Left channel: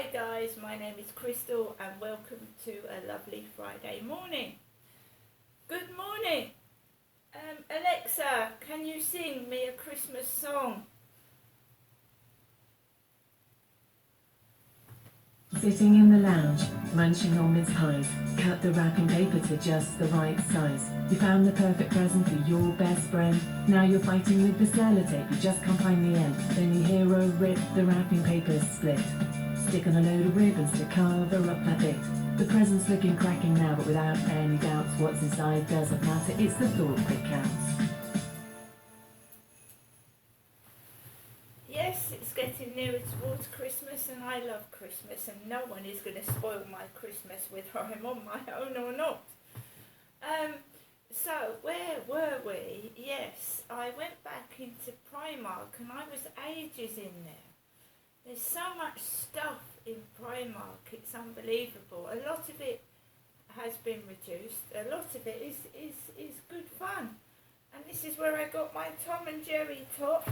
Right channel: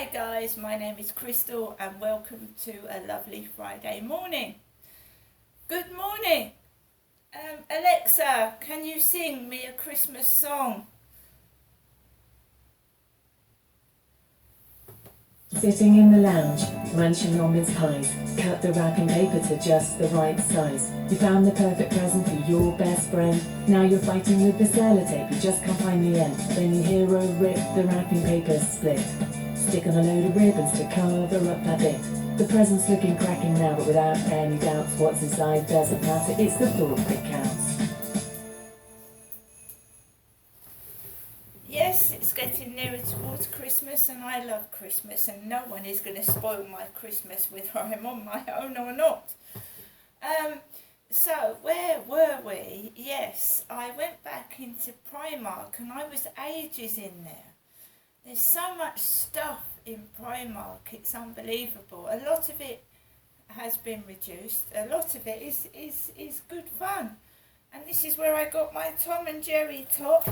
Hi guys, my name is Crystal and welcome to a lovely Friday morning. Good morning. Alexa, can you sing me a Christmas song? Sitting in the lounge, munching on mince pies, cut the wrapping paper to just the right size. You found the perfect present for your best friend. Now you're fighting with the sellotape, you just can't find the end. Then you hear a rip, the wrapping paper's split. Stick on a load of ribbons to cover up that bit. The present's looking cracking now, but without any doubts, what's inside doesn't matter, it's the thought that counts. Yes, it's getting nearer towards Christmas and I love Christmas and no one is going to spoil my Christmas whether I'm on my own or not. So where were we? Yes, I went back into Primark and I was ages in there. There's so much stuff in Primark, it's unbelievable. A lot of it has been reduced, a lot of it is good fun. And this is where I got my Tom and Jerry top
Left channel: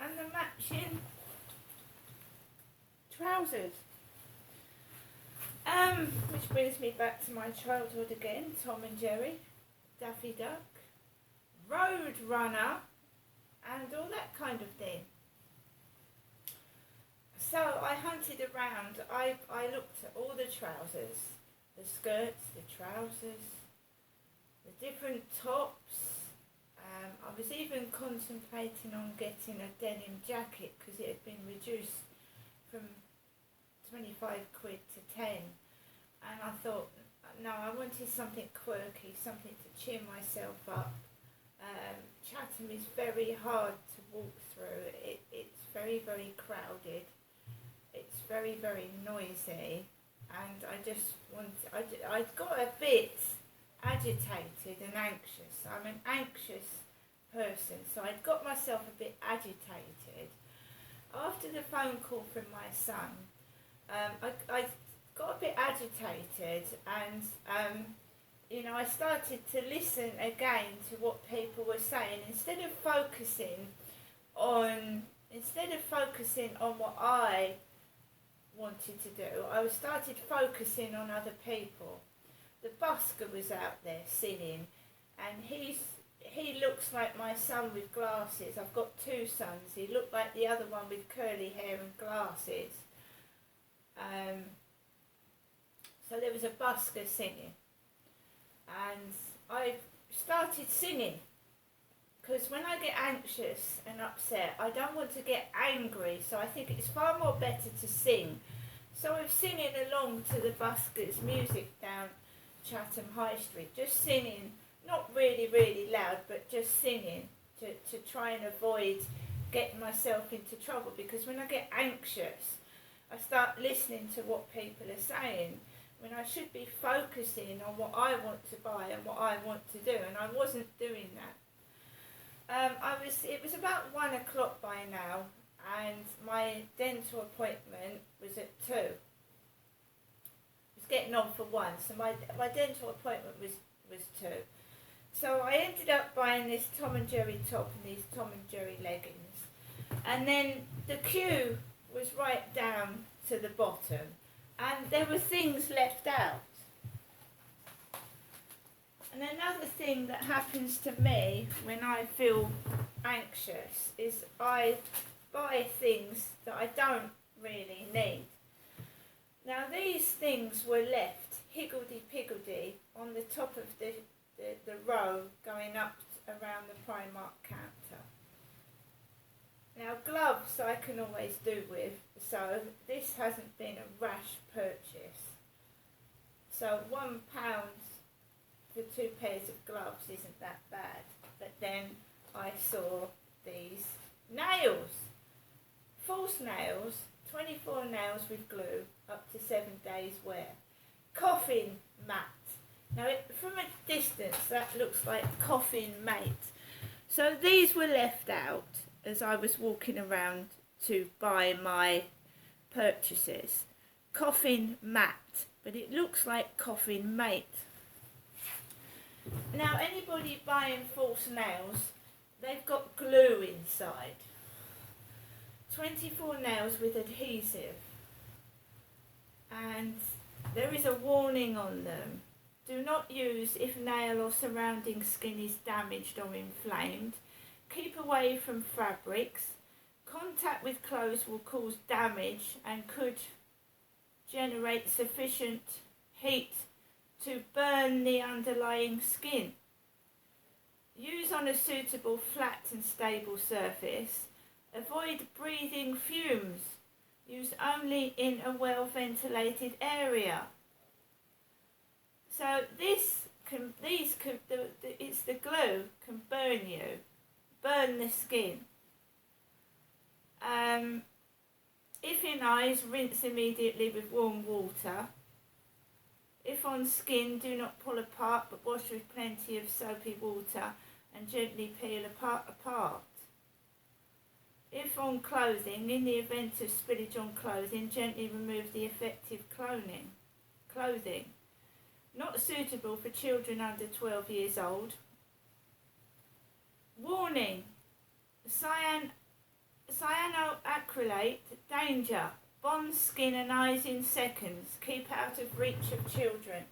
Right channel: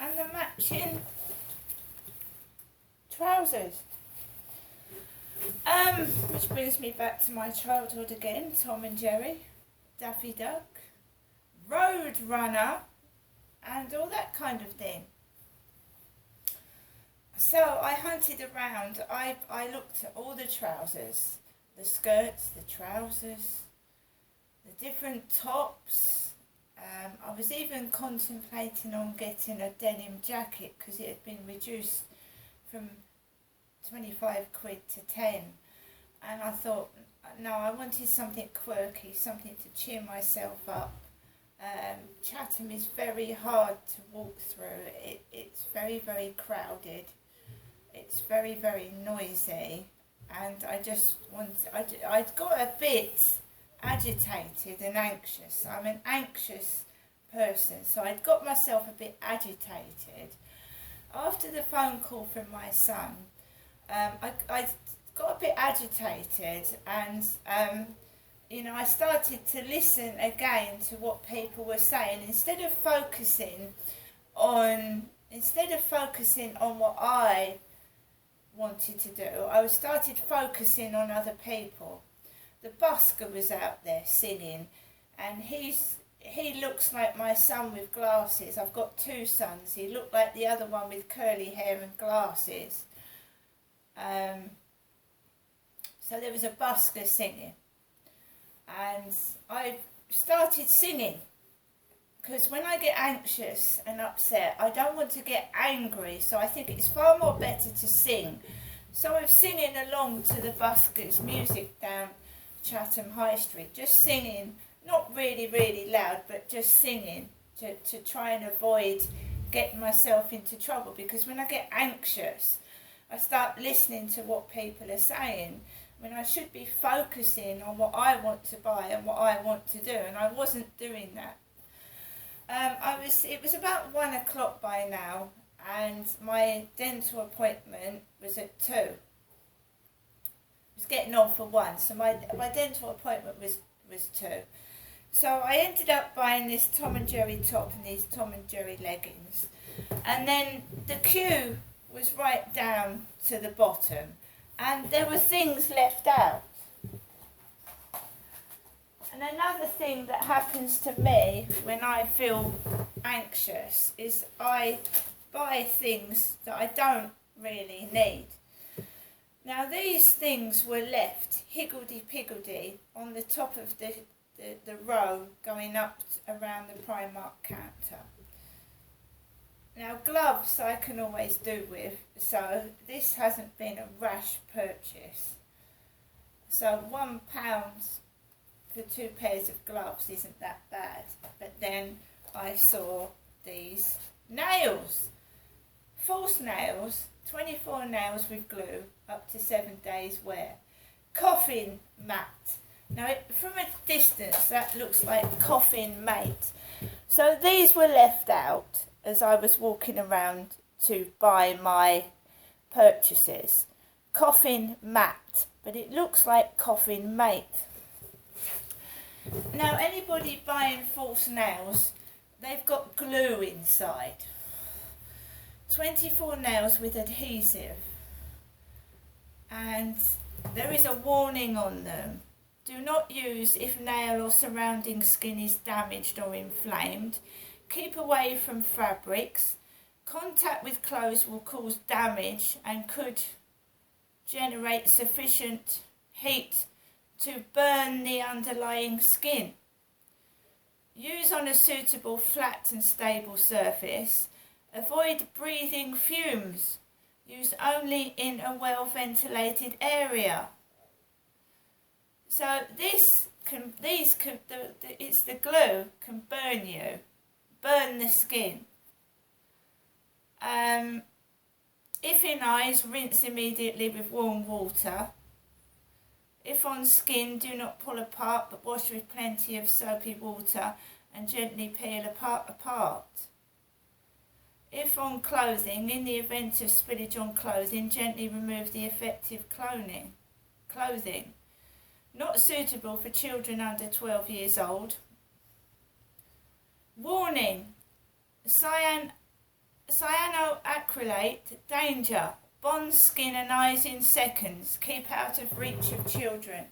and the matching trousers. Which brings me back to my childhood again, Tom and Jerry, Daffy Duck, Road Runner, and all that kind of thing. So I hunted around, I looked at all the trousers, the skirts, the trousers, the different tops. I was even contemplating on getting a denim jacket because it had been reduced from 25 quid to 10. And I thought, no, I wanted something quirky, something to cheer myself up. Chatham is very hard to walk through. It's very, very crowded. It's very, very noisy. And I got a bit agitated and anxious. I'm an anxious person, so I'd got myself a bit agitated. After the phone call from my son, I got a bit agitated and I started to listen again to what people were saying instead of focusing on what I wanted to do. I started focusing on other people. The busker was out there singing and he looks like my son with glasses. I've got two sons. He looked like the other one with curly hair and glasses. So there was a busker singing and I started singing because when I get anxious and upset I don't want to get angry, so I think it's far more better to sing. So I'm singing along to the buskers' music down Chatham High Street, just singing, not really, really loud, but just singing to try and avoid getting myself into trouble, because when I get anxious, I start listening to what people are saying when I should be focusing on what I want to buy and what I want to do, and I wasn't doing that. It was about 1 o'clock by now, and my dental appointment was at 2. Getting on for 1, so my dental appointment was 2. So I ended up buying this Tom and Jerry top and these Tom and Jerry leggings, and then the queue was right down to the bottom and there were things left out. And another thing that happens to me when I feel anxious is I buy things that I don't really need. Now these things were left higgledy-piggledy on the top of the row going up around the Primark counter. Now gloves I can always do with, so this hasn't been a rash purchase. So £1 for 2 pairs of gloves isn't that bad. But then I saw these nails, false nails, 24 nails with glue, up to 7 days wear. Coffin mat. Now from a distance that looks like coffin mate. So these were left out as I was walking around to buy my purchases. Coffin mat, but it looks like coffin mate. Now anybody buying false nails, they've got glue inside. 24 nails with adhesive. and there is a warning on them. Do not use if nail or surrounding skin is damaged or inflamed. Keep away from fabrics. Contact with clothes will cause damage and could generate sufficient heat to burn the underlying skin. Use on a suitable flat and stable surface. Avoid breathing fumes. Use only in a well ventilated area. So it's the glue can burn you, burn the skin. If in eyes, rinse immediately with warm water. If on skin, do not pull apart but wash with plenty of soapy water and gently peel apart. If on clothing, in the event of spillage on clothing, gently remove the affected clothing. Not suitable for children under 12 years old. Warning, cyanoacrylate, danger, bonds skin and eyes in seconds, keep out of reach of children.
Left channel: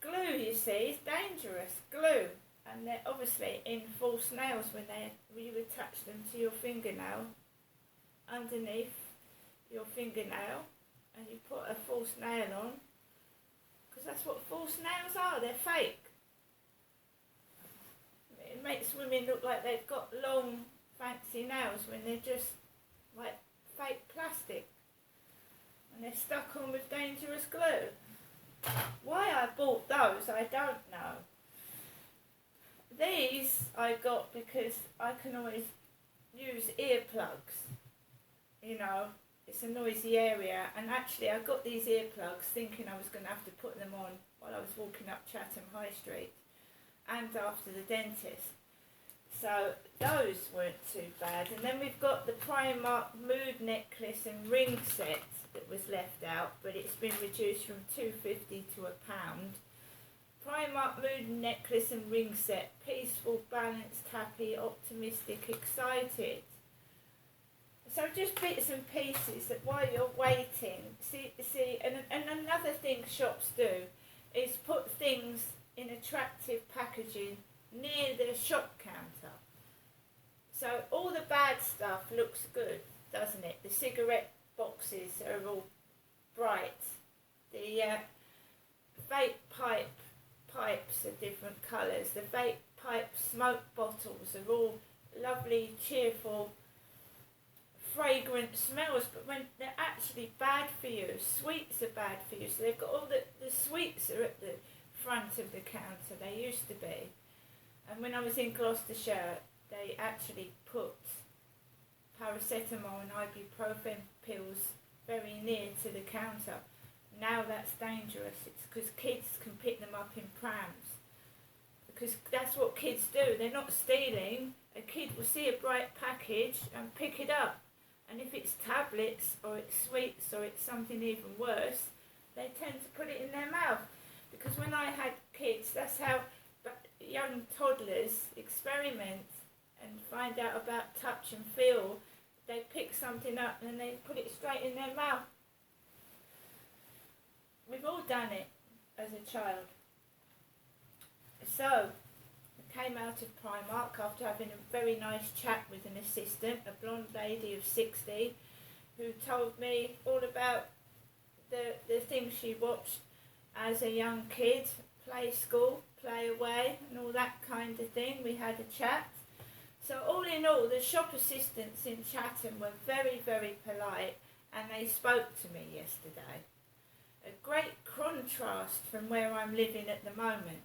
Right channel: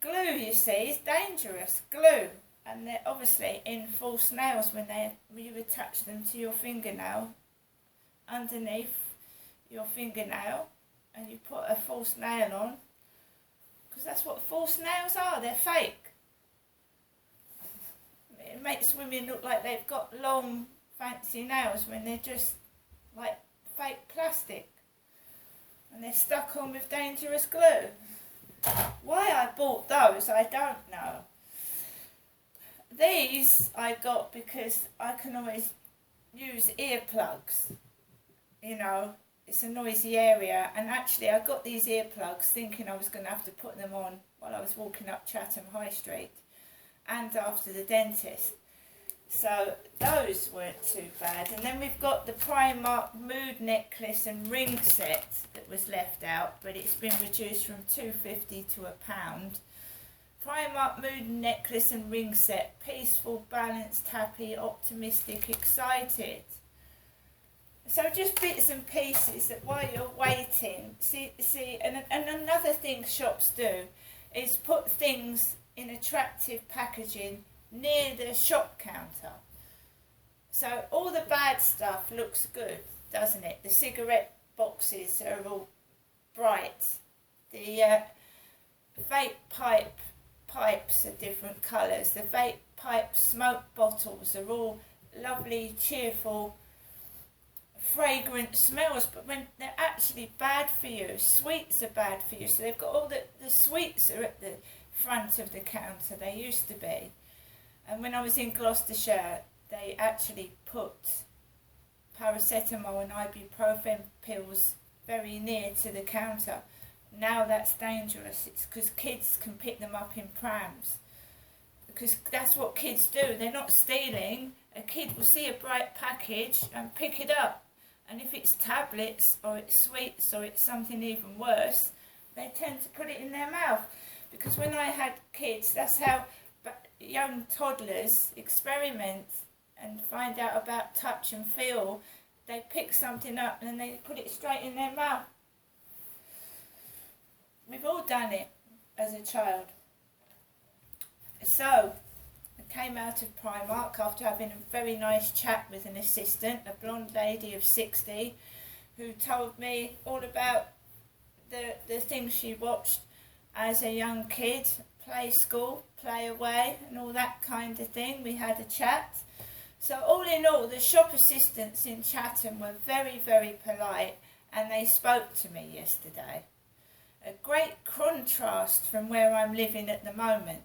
Glue, you see, is dangerous, glue. And they're obviously in false nails when you attach them to your fingernail, underneath your fingernail, and you put a false nail on, because that's what false nails are, they're fake. It makes women look like they've got long, fancy nails when they're just like fake plastic, and they're stuck on with dangerous glue. Why I bought those, I don't know. These I got because I can always use earplugs, you know, it's a noisy area, and actually I got these earplugs thinking I was going to have to put them on while I was walking up Chatham High Street and after the dentist. So those weren't too bad. And then we've got the Primark mood necklace and ring set that was left out, but it's been reduced from £2.50 to £1. Primark mood necklace and ring set, peaceful, balanced, happy, optimistic, excited. So just bits and pieces that while you're waiting, see, and another thing shops do is put things in attractive packaging near the shop counter. So all the bad stuff looks good, doesn't it? The cigarette boxes are all bright. The vape pipes are different colours. The vape pipe smoke bottles are all lovely, cheerful, fragrant smells, but when they're actually bad for you, sweets are bad for you. So they've got all the sweets are at the front of the counter, they used to be. And when I was in Gloucestershire, they actually put paracetamol and ibuprofen pills very near to the counter. Now that's dangerous. It's because kids can pick them up in prams. Because that's what kids do. They're not stealing. A kid will see a bright package and pick it up. And if it's tablets or it's sweets or it's something even worse, they tend to put it in their mouth. Because when I had kids, that's how young toddlers experiment and find out about touch and feel. They pick something up and then they put it straight in their mouth. We've all done it as a child. So I came out of Primark after having a very nice chat with an assistant, a blonde lady of 60, who told me all about the things she watched as a young kid, play school, play away and all that kind of thing. We had a chat. So all in all, the shop assistants in Chatham were very, very polite, and they spoke to me yesterday. A great contrast from where I'm living at the moment,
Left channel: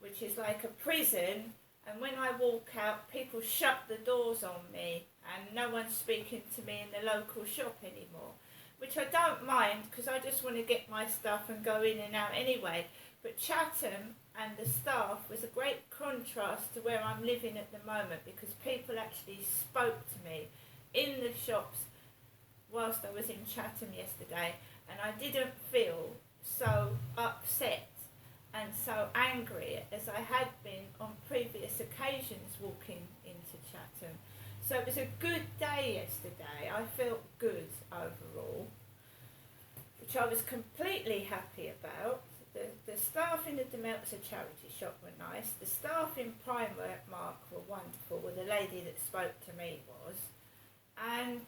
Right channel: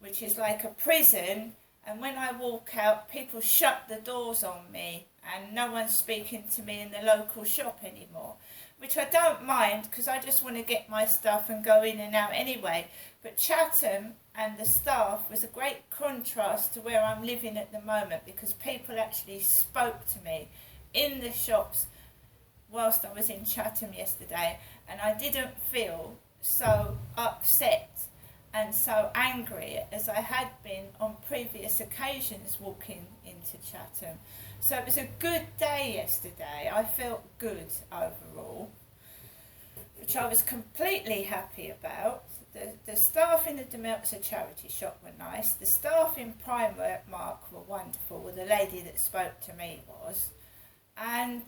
which is like a prison, and when I walk out, people shut the doors on me and no one's speaking to me in the local shop anymore, which I don't mind because I just want to get my stuff and go in and out anyway. But Chatham and the staff was a great contrast to where I'm living at the moment, because people actually spoke to me in the shops whilst I was in Chatham yesterday, and I didn't feel so upset and so angry as I had been on previous occasions walking into Chatham. So it was a good day yesterday. I felt good overall. which I was completely happy about. The staff in the Demeltzer charity shop were nice. The staff in Primark were wonderful. Well, the lady that spoke to me was. And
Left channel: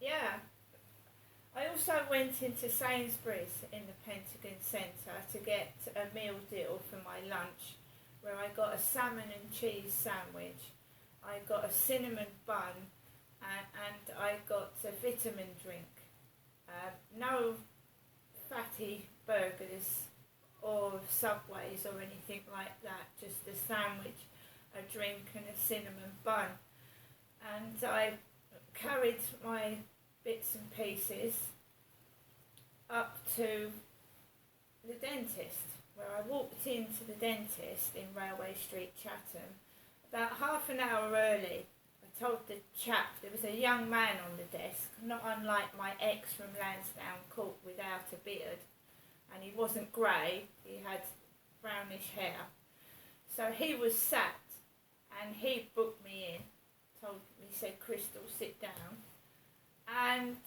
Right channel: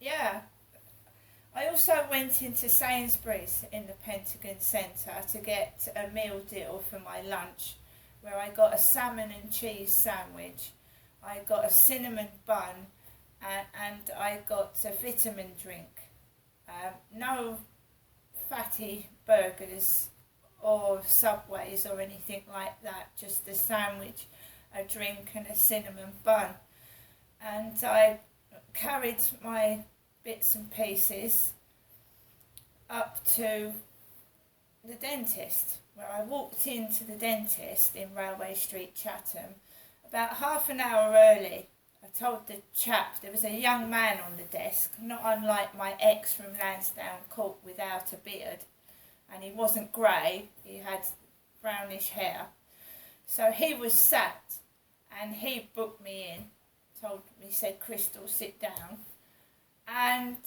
yeah, I also went into Sainsbury's in the Pentagon Centre to get a meal deal for my lunch, where I got a salmon and cheese sandwich, I got a cinnamon bun, and I got a vitamin drink. No fatty burgers or Subways or anything like that, just a sandwich, a drink and a cinnamon bun. And I carried my bits and pieces up to the dentist, where I walked into the dentist in Railway Street, Chatham, about half an hour early. I told the chap, there was a young man on the desk, not unlike my ex from Lansdowne Court without a beard, and he wasn't grey, he had brownish hair. So he was sat, and he booked me in, said, Crystal, sit down. And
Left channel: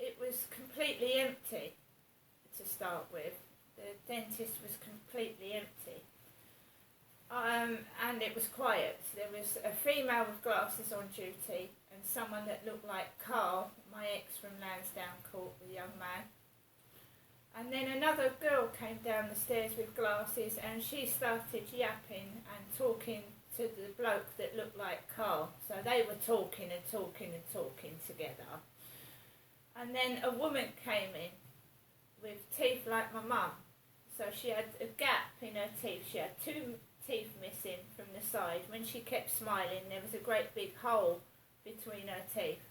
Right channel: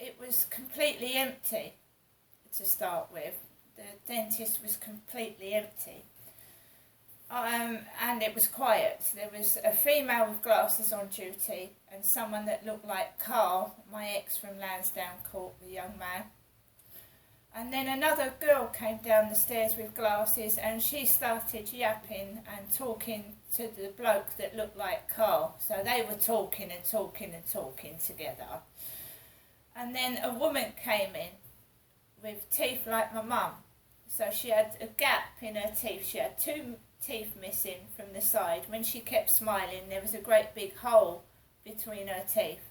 it was completely empty to start with. The dentist was completely empty. And it was quiet. There was a female with glasses on duty and someone that looked like Carl, my ex from Lansdowne Court, the young man. And then another girl came down the stairs with glasses, and she started yapping and talking to the bloke that looked like Carl. So they were talking together. And then a woman came in with teeth like my mum. So she had a gap in her teeth. She had 2 teeth missing from the side. When she kept smiling, there was a great big hole between her teeth.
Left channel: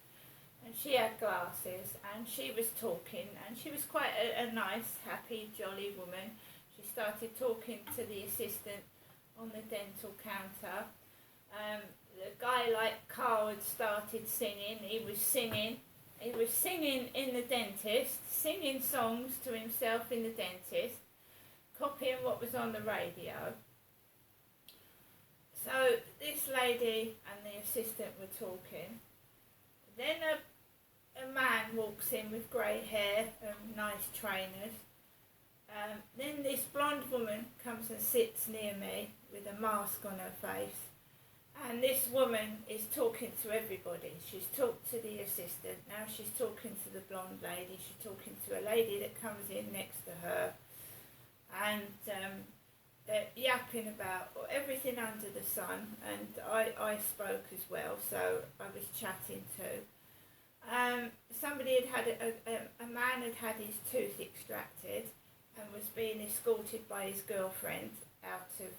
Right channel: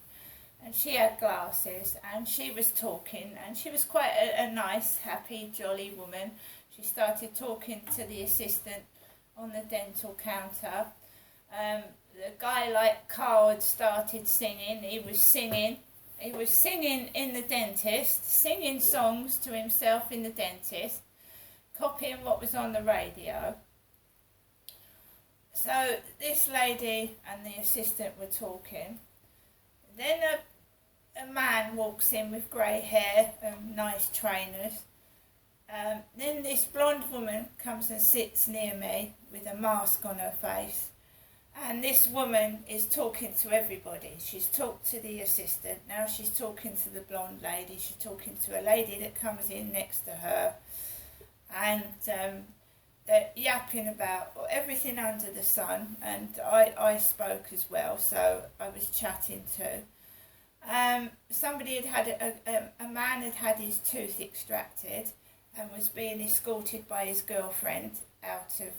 And she had glasses, and she was talking, and she was quite a nice, happy, jolly woman. She started talking to the assistant on the dental counter. The guy like Carl had started singing. He was singing in the dentist, singing songs to himself in the dentist, copying what was on the radio. So this lady and the assistant were talking. Then a man walks in with grey hair and nice trainers. Then this blonde woman comes and sits near me with a mask on her face. And this woman is talking to everybody. She's talked to the assistant, now she's talking to the blonde lady, she's talking to a lady that comes in next to her. And they're yapping about everything under the sun, and I spoke as well, so I was chatting too. Somebody a man had had his tooth extracted and was being escorted by his girlfriend out of,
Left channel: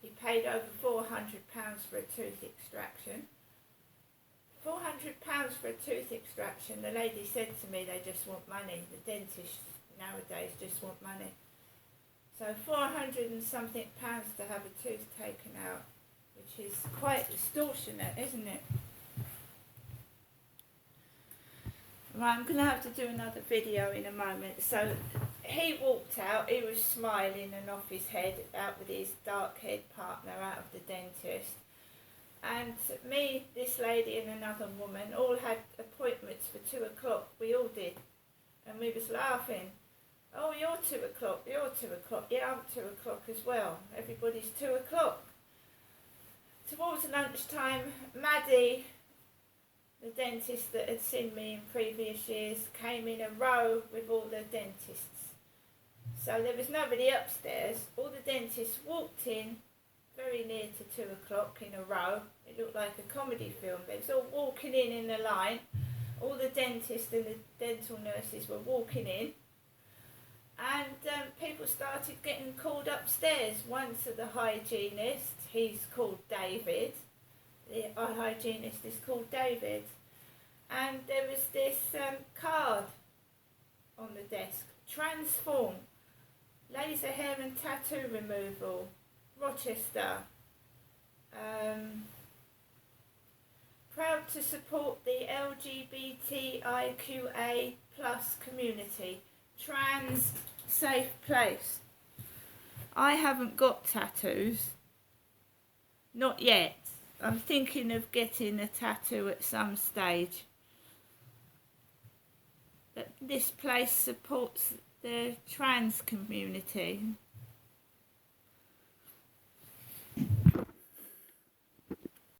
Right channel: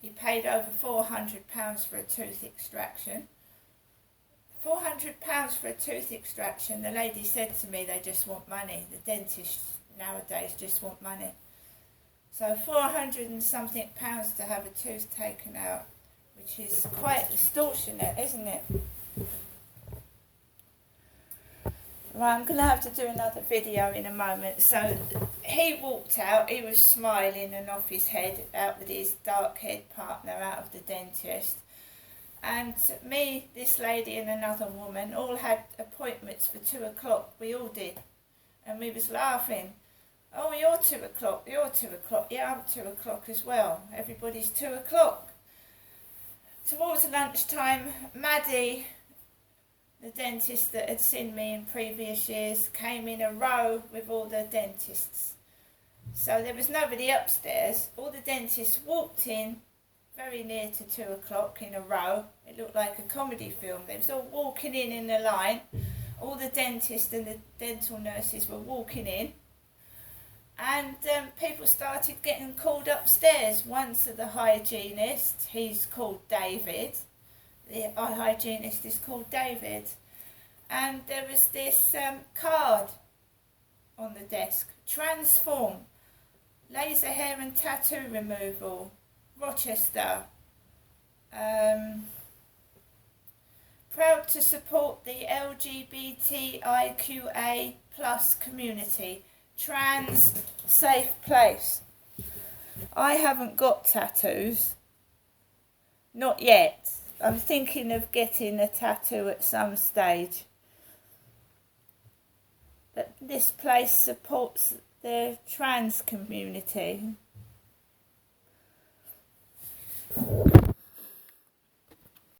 he paid over £400 for a tooth extraction. £400 for a tooth extraction. The lady said to me, they just want money. The dentists nowadays just want money. So 400 and something pounds to have a tooth taken out, which is quite extortionate, isn't it? Well, I'm going to have to do another video in a moment. So he walked out, he was smiling and off his head, out with his dark-haired partner out of the dentist. And me, this lady and another woman all had appointments for 2 o'clock. We all did. And we was laughing. Oh, you're 2 o'clock, you're 2 o'clock. Yeah, I'm 2 o'clock as well. Everybody's 2 o'clock. Towards lunchtime, Maddie, the dentist that had seen me in previous years, came in a row with all the dentists. So there was nobody upstairs. All the dentists walked in very near to 2 o'clock in a row. It looked like a comedy film. They was all walking in a line. All the dentists and the dental nurses were walking in. And people started getting called upstairs. One to the hygienist, he's called David. The hygienist is called David. And there was this card on the desk. Transform. Laser hair and tattoo removal. Rochester. Proud to support the LGBTIQA plus community. Trans safe place. I haven't got tattoos. Not yet. I'm thinking of getting a tattoo at some stage. But this place supports the trans community.